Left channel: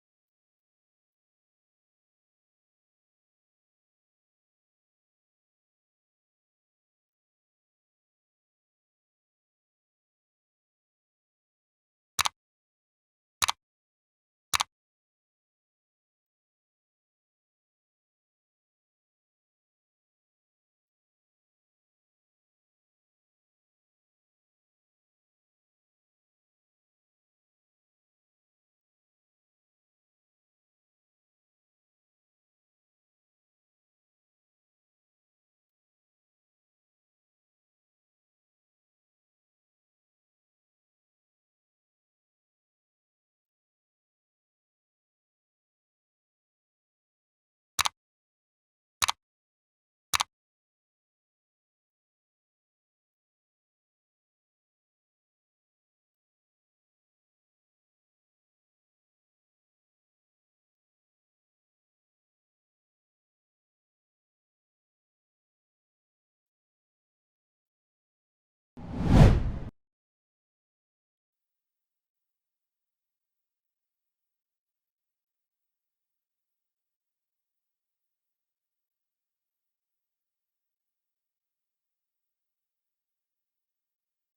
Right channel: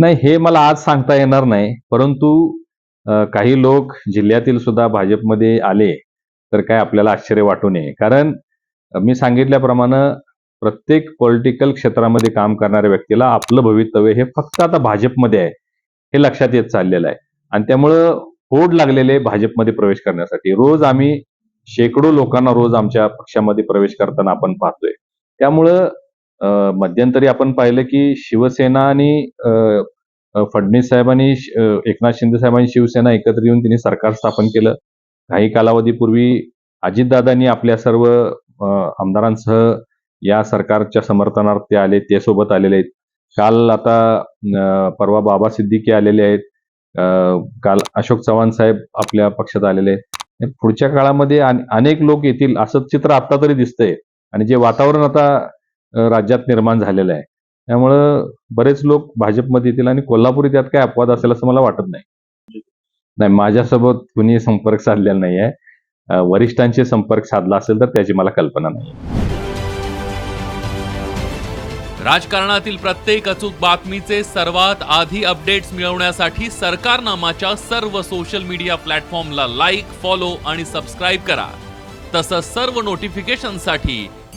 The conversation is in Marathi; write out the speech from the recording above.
नाही हे मला आज सांगता येणार नाही. परंतु काही लोक जिल्ह्यातील सुद्धा भाजपमध्ये आले तर काय आपल्याला आश्चर्य वाटू नये. कारण मी सांगितल्याप्रमाणे प्रत्येक पॉलिटिकल क्षेत्रामध्ये काम करणाऱ्या व्यक्तीला आपलं भवितव्य हे फक्त आता भाजपमध्ये आहे हे लक्षात येत चाललेलं आहे. आणि त्यामुळं होड लागलेले भाजपमध्ये प्रवेश करण्यासाठी. रोज आम्ही शेकडो लोकांना रोज आमच्या पक्षामध्ये प्रवेश करताना आपण पाहतोय. त्यामुळं मध्यंतरी आपण पाहिलं की शिवसेना आणि फडणवीस साहेबांनी एकनाथ शिंदे साहेबांनी शिवसेना एकत्र येऊन त्यांनी सरकार स्थापन केलं. काही कालावधीपूर्वी अजितदादांनी आपल्या सर्व आमदारांसह या सरकारच्या समर्थनार्थ ते आले ते सोबत आलेले आहेत. काल आता परवा बाबा सिद्दीकी आलेले आहेत. काल अशोक चव्हाण साहेब आपल्या पक्षात आलेले आहेत. पुढच्या काळामध्ये अनेक लोक येतील असं चित्र आता तरी दिसतंय. आणि जे वातावरण आता राज्यात निर्माण झालेलं आहे. त्यामुळं बरेच लोक भाजपमध्ये येतील आणि कोल्हापूर त्यात काय अपवाद असेल असं मला वाटत नाही. नाही माझ्यासोबत कुणी संपर्क साधलेला नाही आहे. वरिष्ठांशी संपर्क साधला असेल तर त्याची मला कल्पना नाही. राजकारणातील प्रत्येक अचूक बातमीचे सर्वात आधी अपडेट्स मिळवण्यासाठी सरकारनामाच्या सर्व सोशल मीडिया प्लॅटफॉर्मला लाईक फॉलो आणि सबस्क्राईब करा. तसंच सर्व नोटिफिकेशनसाठी